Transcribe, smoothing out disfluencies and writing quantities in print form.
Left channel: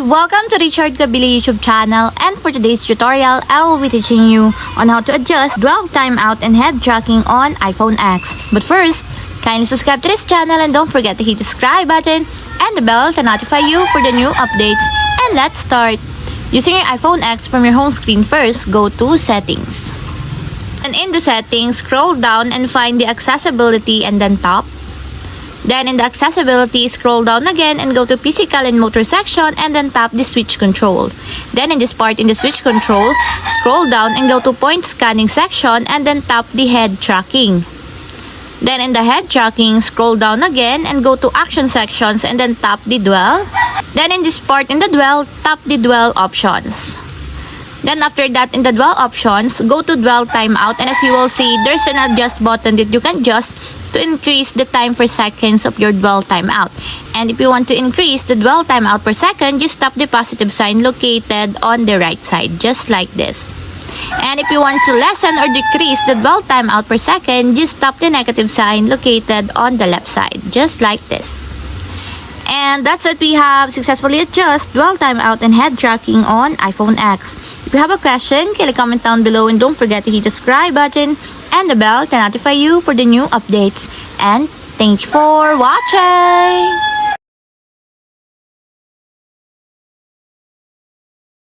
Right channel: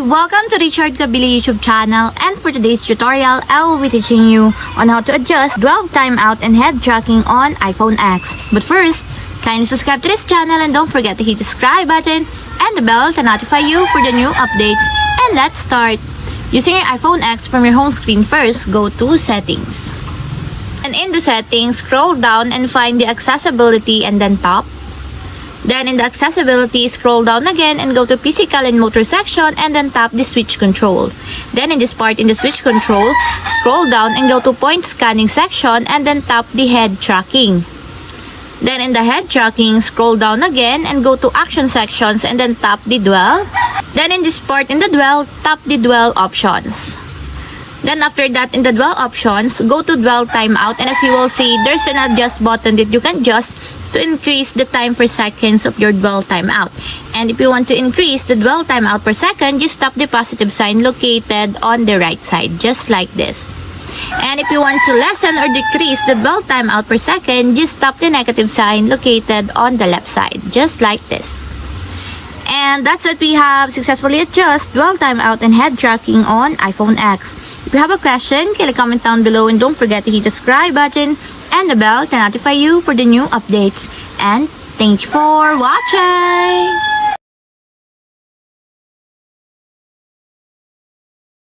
Hi! Welcome to Richard Kabili YouTube channel, and for today's tutorial, I will be teaching you on how to adjust dwell timeout and head tracking on iPhone X. But first, kindly subscribe to this channel and don't forget to hit the subscribe button and the bell to notify you for the new updates. And let's start! Using your iPhone X from your home screen first, go to Settings. And in the settings, scroll down and find the accessibility and then tap. Then in the accessibility, scroll down again and go to physical and motor section and then tap the switch control. Then in this part in the switch control, scroll down and go to point scanning section and then tap the head tracking. Then in the head tracking, scroll down again and go to action sections and then tap the dwell. Then in this part in the dwell, tap the dwell options. Then after that, in the dwell options, go to dwell timeout, and as you will see, there's an adjust button that you can adjust to increase the time per seconds of your dwell timeout. And if you want to increase the dwell timeout per second, just tap the positive sign located on the right side, just like this. And if you want to lessen or decrease the dwell timeout per second, just tap the negative sign located on the left side, just like this. And that's it, we have successfully adjusted dwell timeout and head tracking on iPhone X. If you have a question, kindly comment down below and don't forget to hit the subscribe button and the bell to notify you for the new updates. And thank you for watching!